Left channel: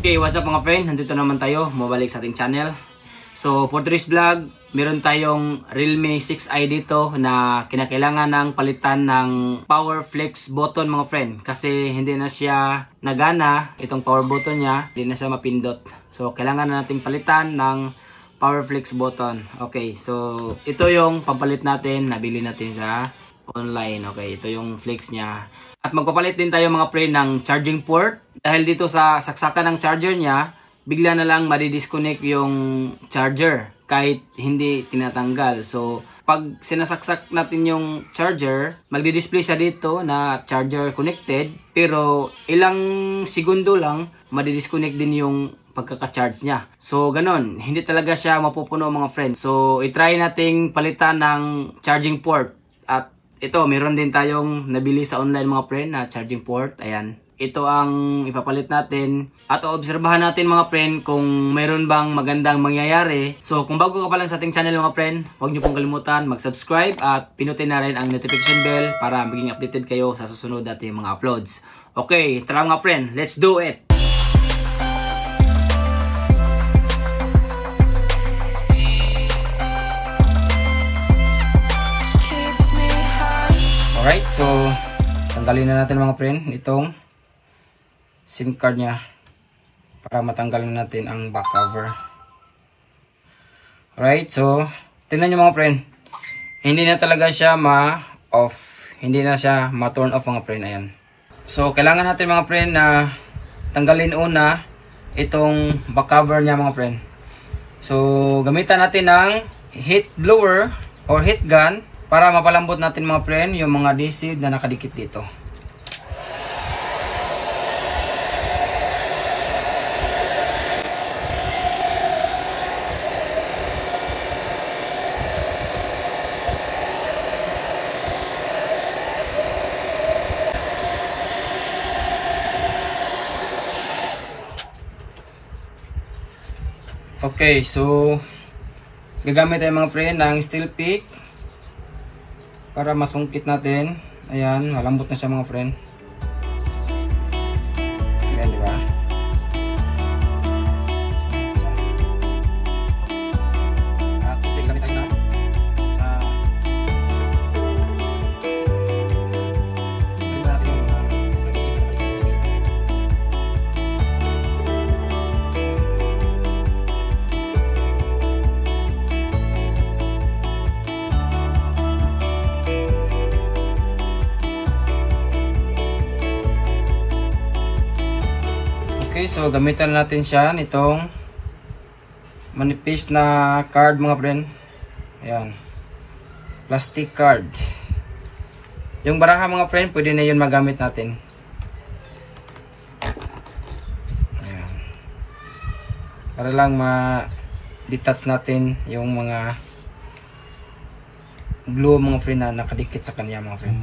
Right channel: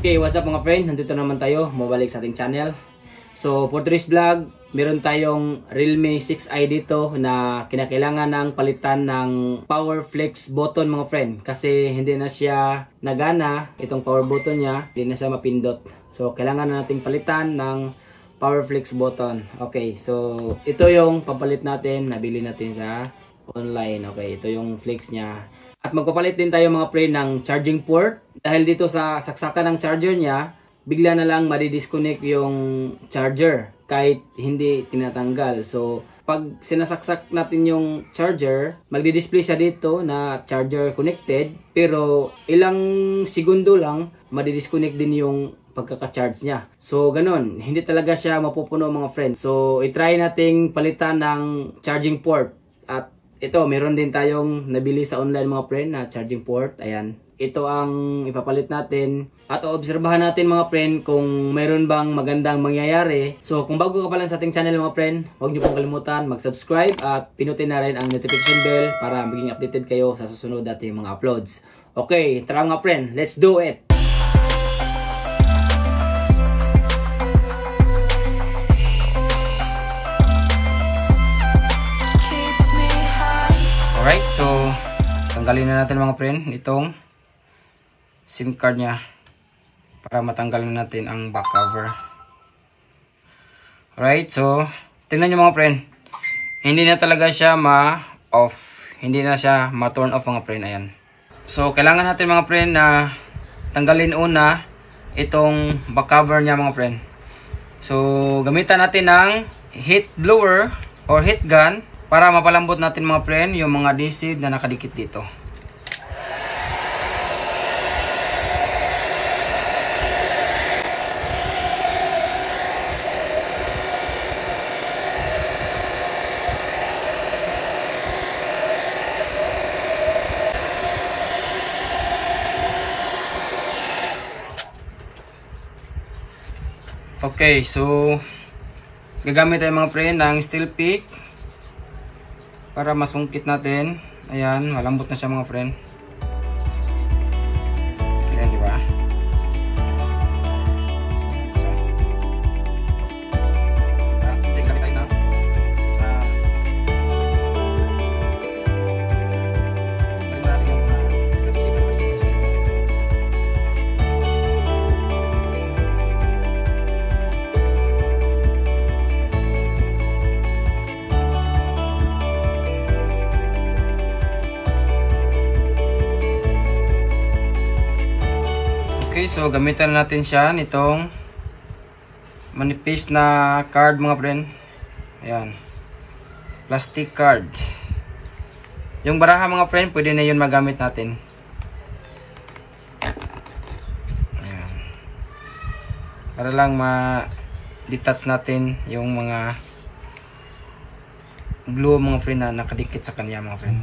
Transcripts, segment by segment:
Okay, what's up mga friend? Nandito naman tayo, mabalik sa ating channel. So, for today's vlog, meron tayong Realme 6i dito na kinakailangan ng palitan ng power flex button mga friend. Kasi hindi na siya nagana, itong power button niya, hindi na siya mapindot. So, kailangan na natin palitan ng power flex button. Okay, so ito yung pampalit natin, nabili natin sa online. Okay, ito yung flex niya. At magpapalit din tayo mga friend ng charging port. Dahil dito sa saksakan ng charger niya, bigla na lang madi-disconnect yung charger kahit hindi tinatanggal. So, pag sinasaksak natin yung charger, magdi-display siya dito na charger connected. Pero ilang segundo lang, madi-disconnect din yung pagkaka-charge niya. So, ganon. Hindi talaga siya mapupuno mga friends. So, itry nating palitan ng charging port. At ito, meron din tayong nabili sa online mga friend na charging port. Ayan. Ito ang ipapalit natin. At obserbahan natin mga friend kung mayroon bang magandang mangyayari. So kung bago ka pa lang sa ating channel mga friend, huwag niyo pong kalimutan mag-subscribe at pinutin na rin ang notification bell para maging updated kayo sa susunod nating mga uploads. Okay, tara mga friend, let's do it! Alright, so tanggalin na natin mga friend itong SIM card niya para matanggal na natin ang back cover. Alright, so tingnan nyo mga friend, hindi na talaga siya ma-off, hindi na siya ma-turn off mga friend. Ayan. So kailangan natin mga friend na tanggalin una itong back cover niya mga friend. So gamitan natin ng heat blower or heat gun para mapalambot natin mga friend yung mga adhesive na nakadikit dito. Okay, so gagamit tayo mga friend ng steel pick para masungkit natin. Ayan, malambot na siya mga friend. Ayan, diba? Okay, so gamitan natin siya nitong manipis na card mga friend. Ayan. Plastic card. Yung baraha mga friend, pwede na yun magamit natin. Ayan. Para lang ma-detach natin yung mga glue mga friend na nakadikit sa kanya mga friend.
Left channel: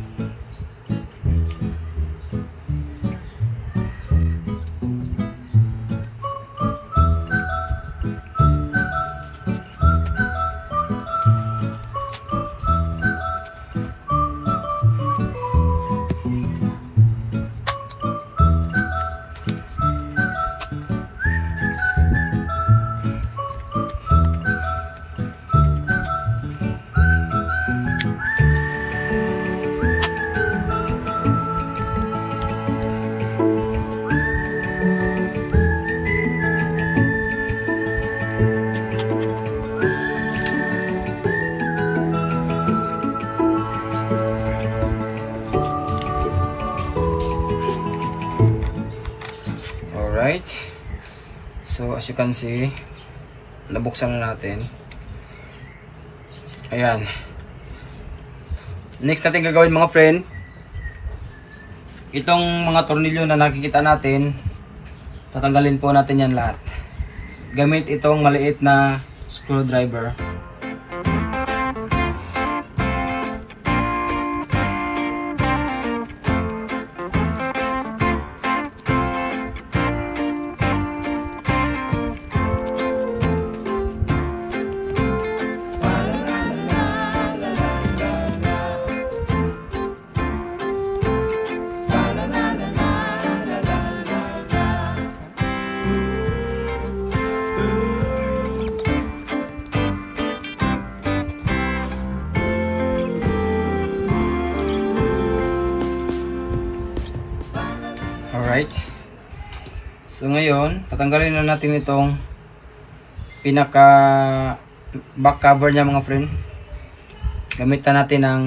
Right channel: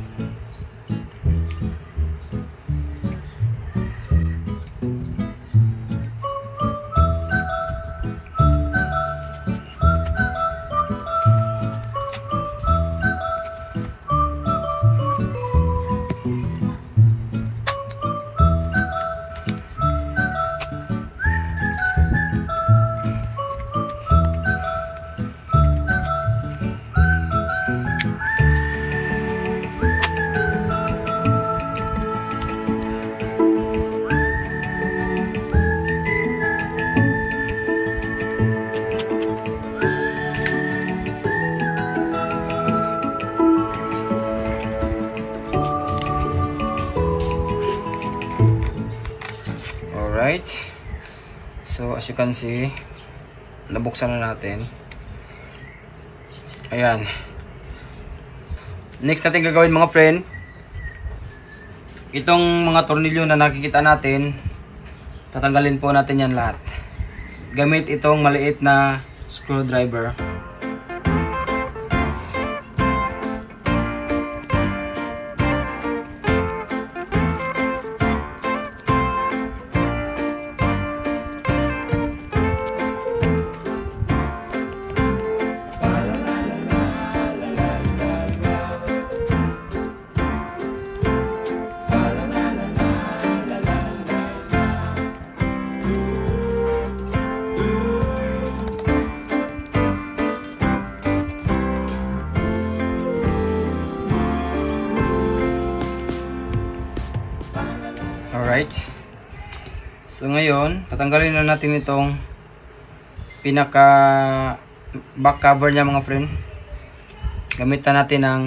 Alright, so as you can see, nabuksan na natin. Ayan. Next natin gagawin mga friend, itong mga tornilyo na nakikita natin, tatanggalin po natin yan lahat gamit itong maliit na screwdriver. Alright. So ngayon, tatanggalin na natin itong pinaka back cover niya mga friend. Gamitan natin ng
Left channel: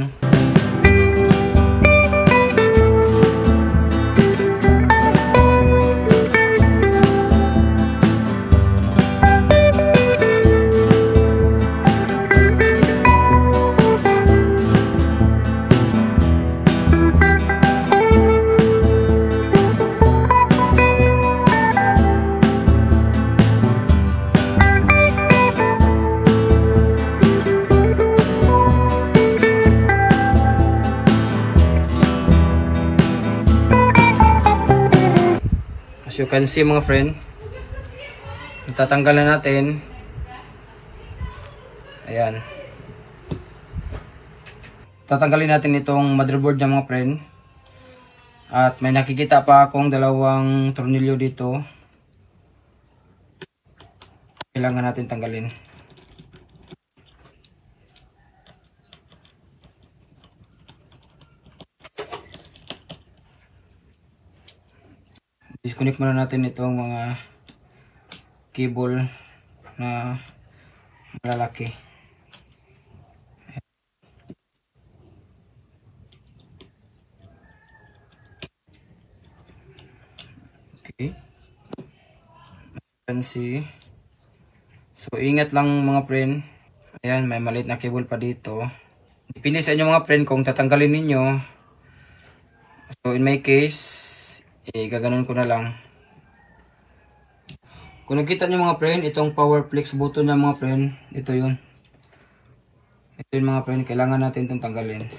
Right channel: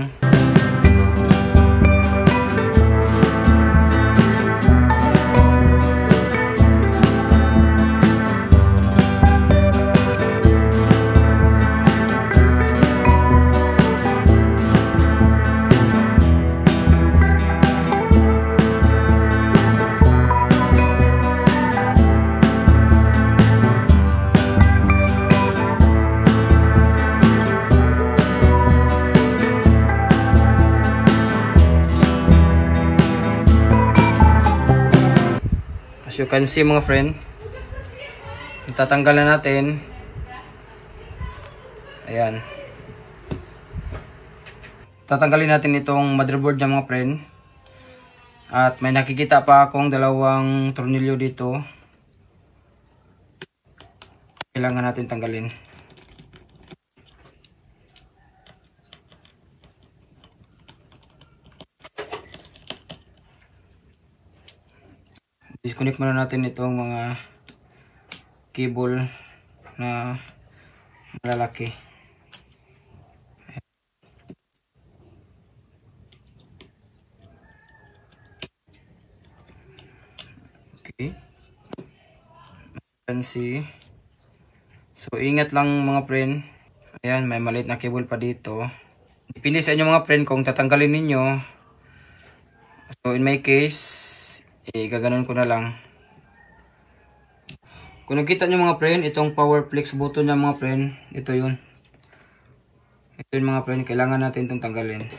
you can see mga friend, tatanggalan natin. Ayan, tatanggalin natin itong motherboard niya mga friend. At may nakikita pa akong dalawang tornilyo dito, kailangan natin tanggalin. Disconnect muna natin itong mga cable na malalaki. Okay. Can see. So ingat lang mga friend. Ayan, may maliit na cable pa dito. Depende sa inyo mga friend kung tatanggalin ninyo. So in my case, gaganon ko na lang. Kung nakita nyo mga friend, itong power flex button na mga friend, ito yun. Ito yun mga friend, kailangan natin itong tanggalin.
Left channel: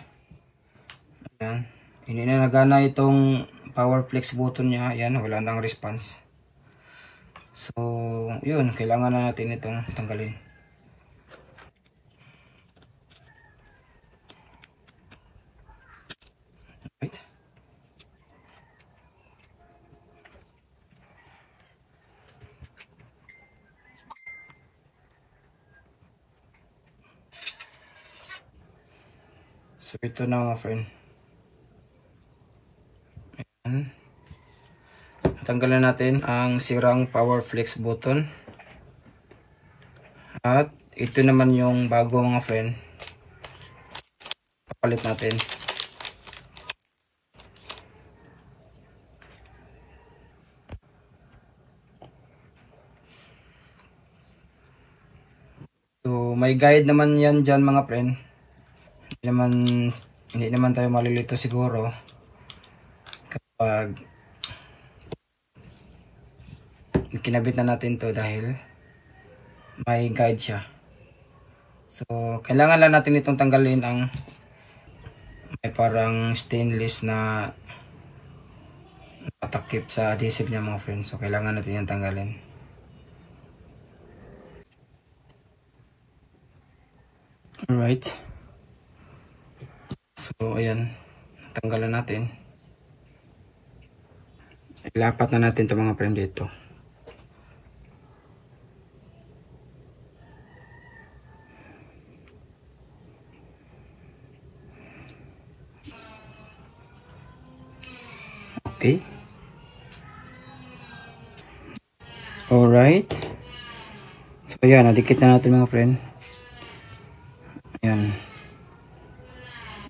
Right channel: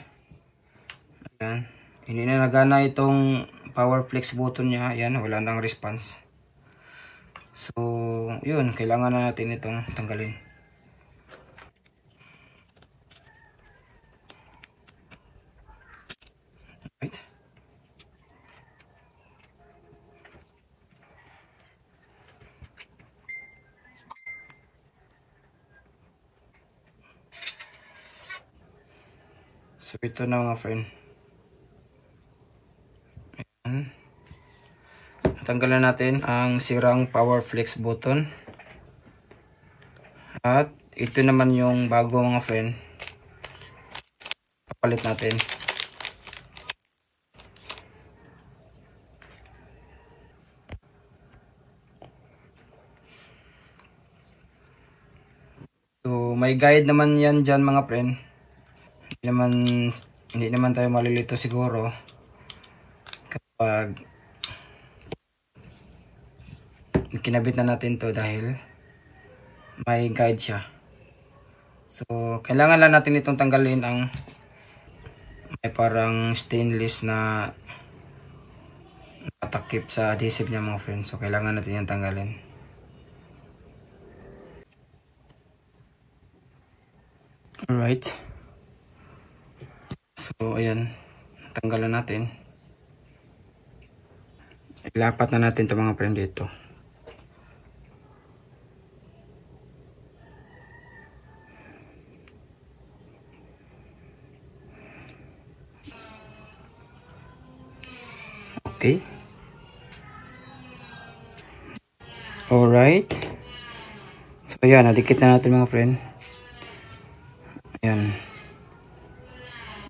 Ayan. Hindi na nagana itong power flex button niya. Ayan, wala nang response. So, yun, kailangan na natin itong tanggalin. Right. So ito na mga friend. Ayan. Tanggalan natin ang sirang power flex button. At ito naman yung bago mga friend. Papalit natin. So may guide naman yan dyan mga friend. Hindi naman tayo malilito siguro kapag kinabit na natin to dahil may guide siya. So kailangan lang natin itong tanggalin ang may parang stainless na natakip sa adhesive niya mga friends. So kailangan natin yan tanggalin. Alright. So ayan, tanggalan natin. Ilapat na natin ito mga friend dito. Okay. Alright. So ayan, nadikit na natin mga friend. Ayan.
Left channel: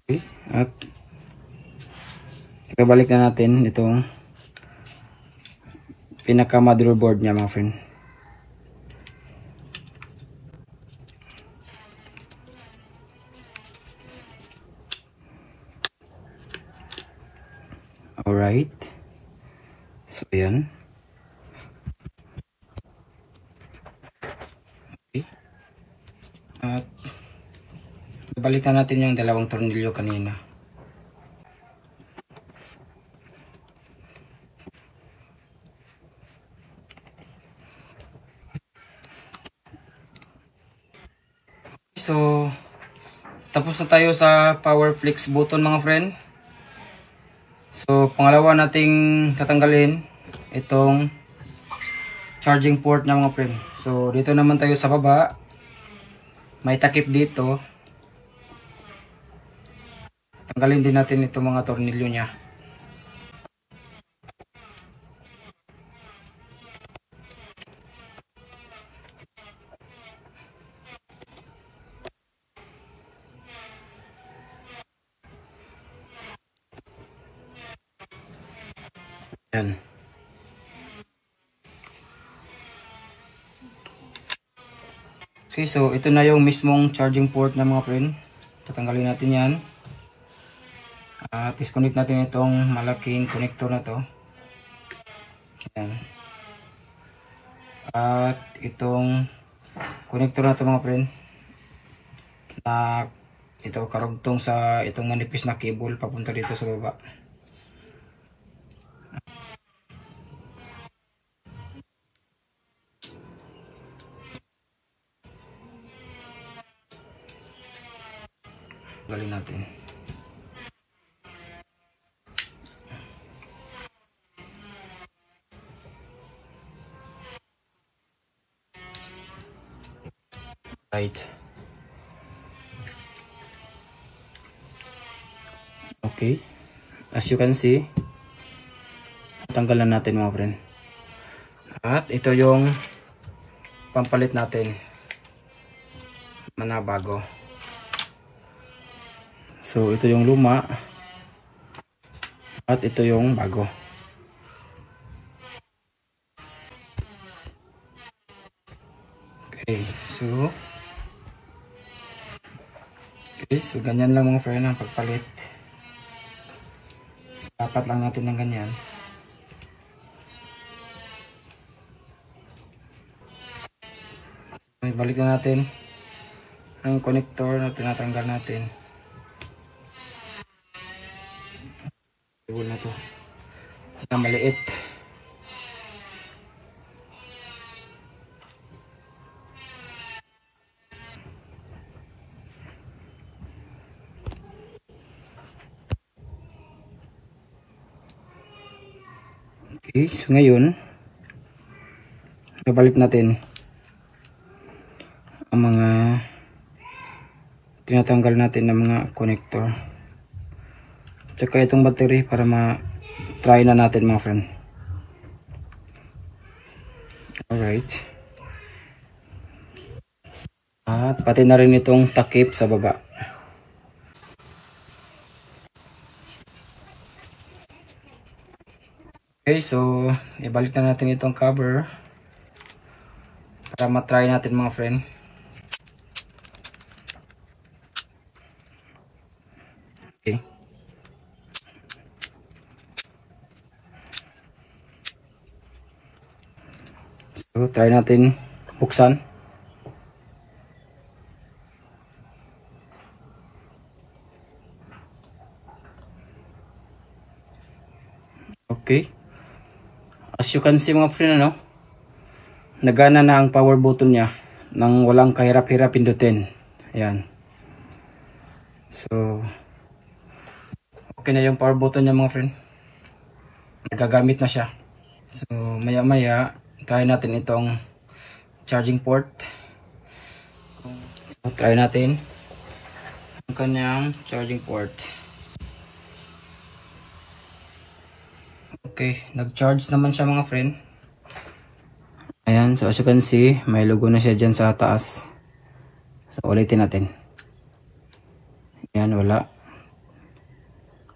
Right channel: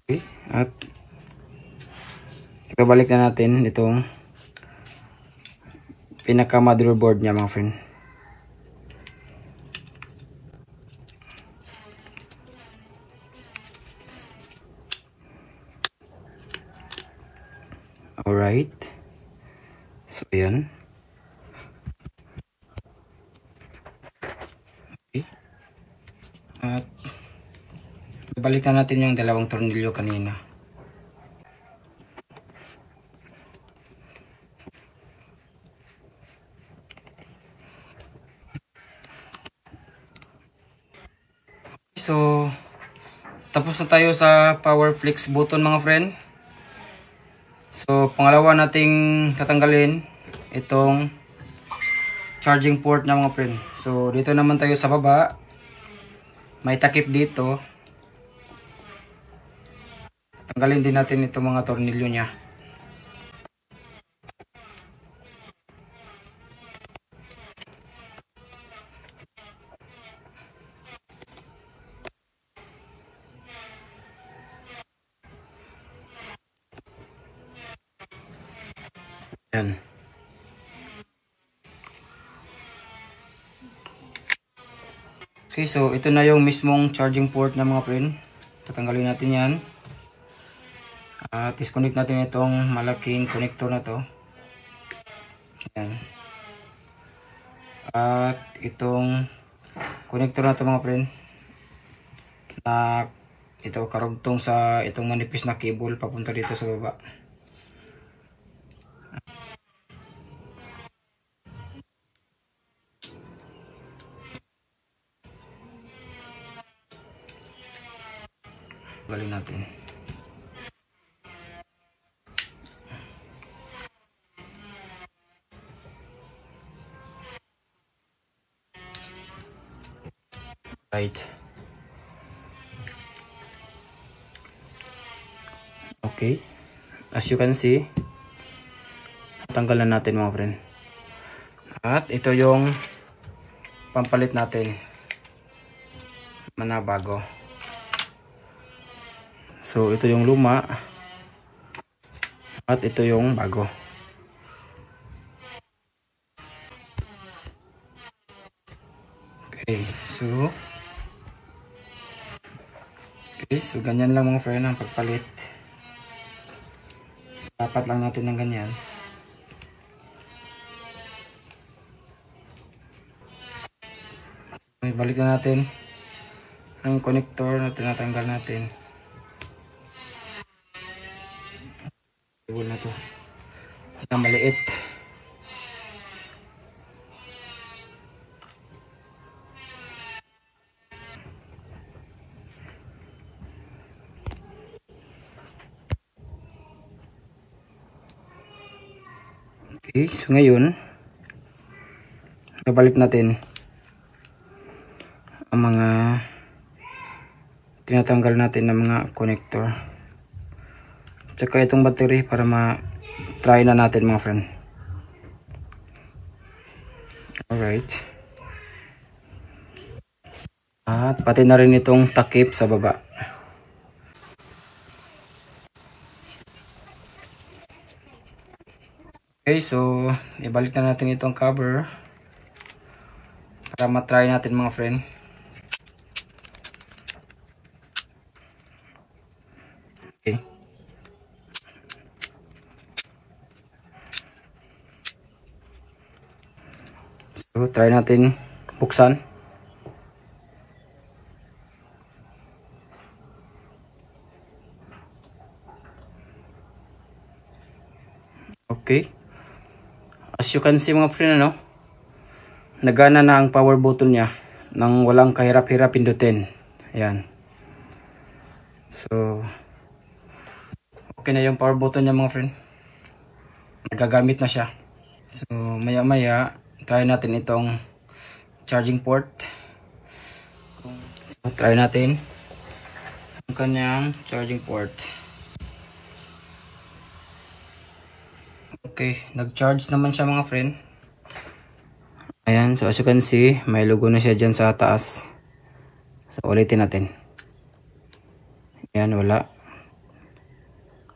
Okay. At ibabalik na natin itong pinaka motherboard niya mga friend. Alright. So ayan. Okay. At balikan natin yung dalawang tornilyo kanina. So, tapos na tayo sa power flex button mga friend. So, pangalawa nating tatanggalin itong charging port na mga friend. So, dito naman tayo sa baba. May takip dito. Tanggalin din natin itong mga tornilyo niya. Yan. Okay, so ito na yung mismong charging port ng mga friend. Tatanggalin natin yan. At disconnect natin itong malaking connector na to. Yan. At itong connector na to mga friend, na ito karugtong sa itong manipis na cable papunta dito sa baba. Galin natin. Right. Okay. As you can see, tanggalan natin mga friend. At ito yung pampalit natin. Mana bago. So ito yung luma at ito yung bago. Okay, so ganyan lang mga friend ang pagpalit. Dapat lang natin ng ganyan. So, balik na natin ang connector na tinatanggal natin. Na to na maliit. Okay, so ngayon babalik natin ang mga tinatanggal natin ng mga connector. Tsaka itong battery para ma-try na natin mga friend. Alright. At pati na rin itong takip sa baba. Okay, so ibalik na natin itong cover para ma-try natin mga friend. Okay. So, try natin buksan. Okay. As you can see mga friend, nagana na ang power button niya nang walang kahirap-hirap pindutin. Ayan. So, okay na yung power button niya mga friend. Nagagamit na siya. So, maya-maya try natin itong charging port. So, try natin ang kanyang charging port. Okay, nag-charge naman siya mga friend. Ayan, so as you can see, may logo na siya dyan sa taas. So, ulitin natin. Ayan, wala.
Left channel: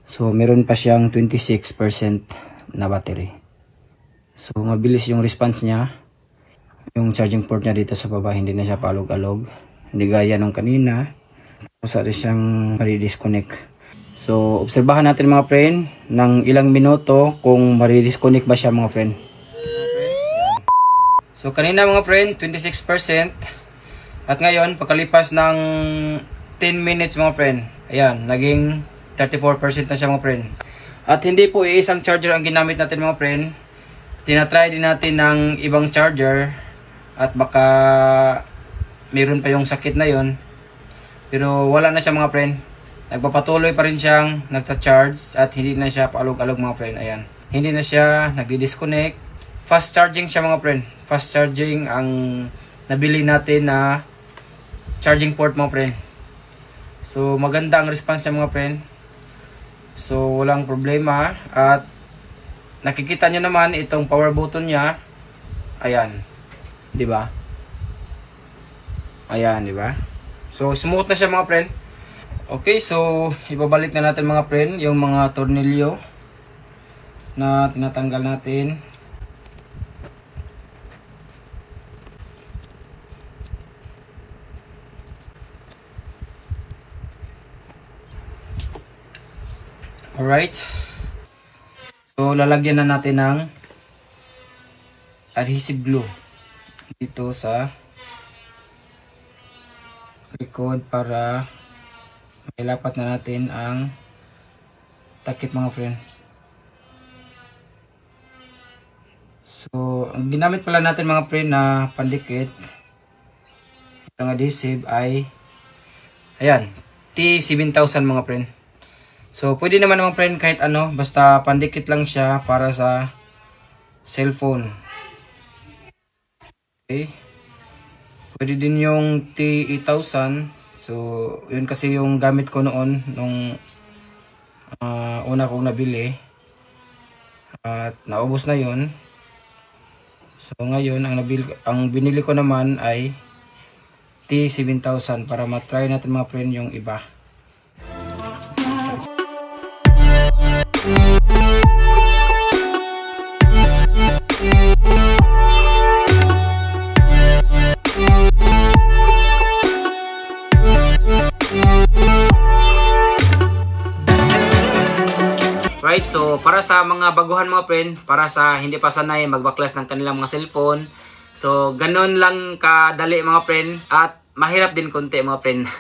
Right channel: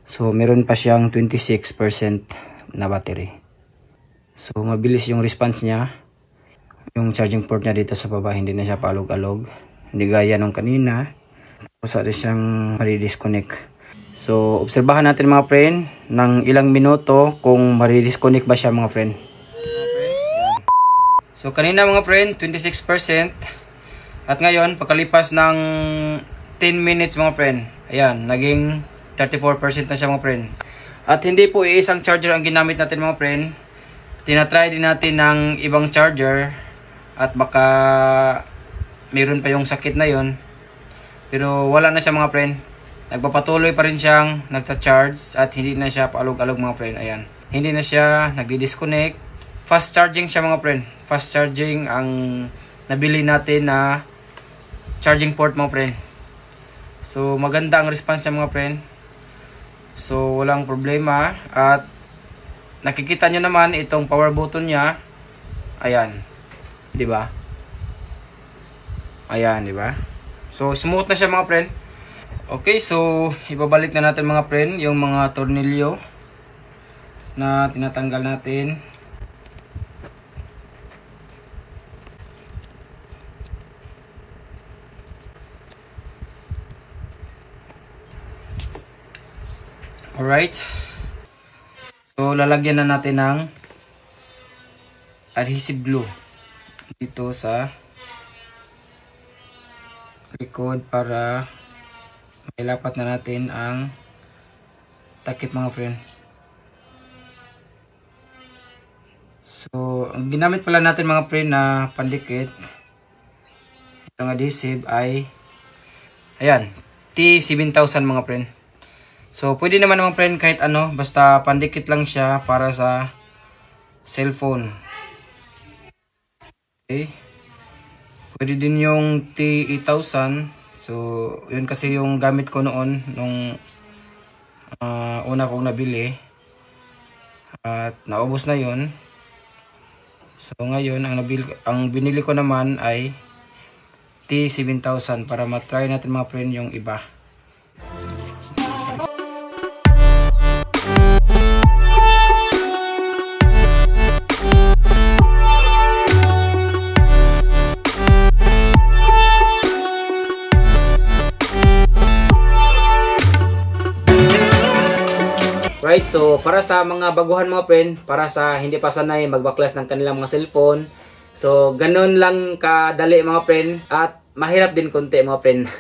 So, meron pa siyang 26% na battery. So, mabilis yung response niya. Yung charging port niya dito sa baba, hindi na siya paalog-alog. Hindi gaya nung kanina. Tapos rin siyang mari-disconnect. So, obserbahan natin mga friend ng ilang minuto kung mari-disconnect ba siya mga friend. So, kanina mga friend, 26%. At ngayon, pagkalipas ng 10 minutes mga friend, ayan, naging 34% na siya mga friend. At hindi po iisang charger ang ginamit natin mga friend. Tinatry din natin ng ibang charger at baka mayroon pa yung sakit na yun. Pero wala na siya mga friend. Nagpapatuloy pa rin siyang nagta-charge at hindi na siya paalog-alog mga friend. Ayan. Hindi na siya nagdi-disconnect. Fast charging siya mga friend. Fast charging ang nabili natin na charging port mga friend. So maganda ang response niya mga friend. So walang problema at nakikita nyo naman itong power button niya. Ayan. 'Di ba? Ayan, 'di ba? So smooth na siya mga friend. Okay, so ibabalik na natin mga friend yung mga tornilyo. na tinatanggal natin. Alright. So, lalagyan na natin ng adhesive glue dito sa likod para mailapat na natin ang takip mga friend. So, ang ginamit pala natin mga friend na pandikit itong adhesive ay ayan, T7000 mga friend. So, pwede naman mga friend kahit ano, basta pandikit lang siya para sa cellphone. Okay. Pwede din yung T8000. So, yun kasi yung gamit ko noon nung una kong nabili. At naubos na yun. So, ngayon, ang binili ko naman ay T7000 para matry natin mga friend yung iba. Right, so para sa mga baguhan mga friend, para sa hindi pa sanay magbaklas ng kanilang mga cellphone, so ganun lang kadali mga friend at mahirap din konti mga friend.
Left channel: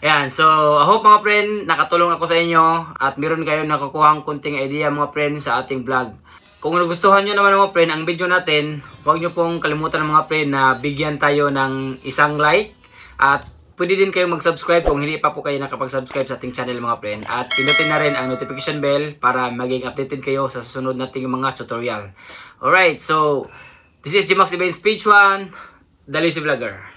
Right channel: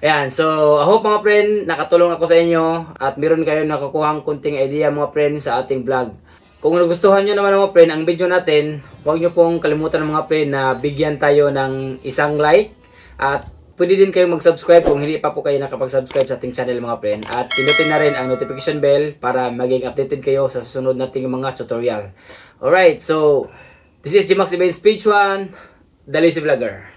Ayan, so I hope mga friend nakatulong ako sa inyo at meron kayo nakukuhang kunting idea mga friend sa ating vlog. Kung nagustuhan nyo naman mga friend ang video natin, huwag nyo pong kalimutan mga friend na bigyan tayo ng isang like at pwede din kayong mag-subscribe kung hindi pa po kayo nakapag-subscribe sa ating channel mga friend. At pinutin na rin ang notification bell para maging updated kayo sa susunod nating mga tutorial. Alright, so this is Gmax Events Page 1, The Lazy Vlogger.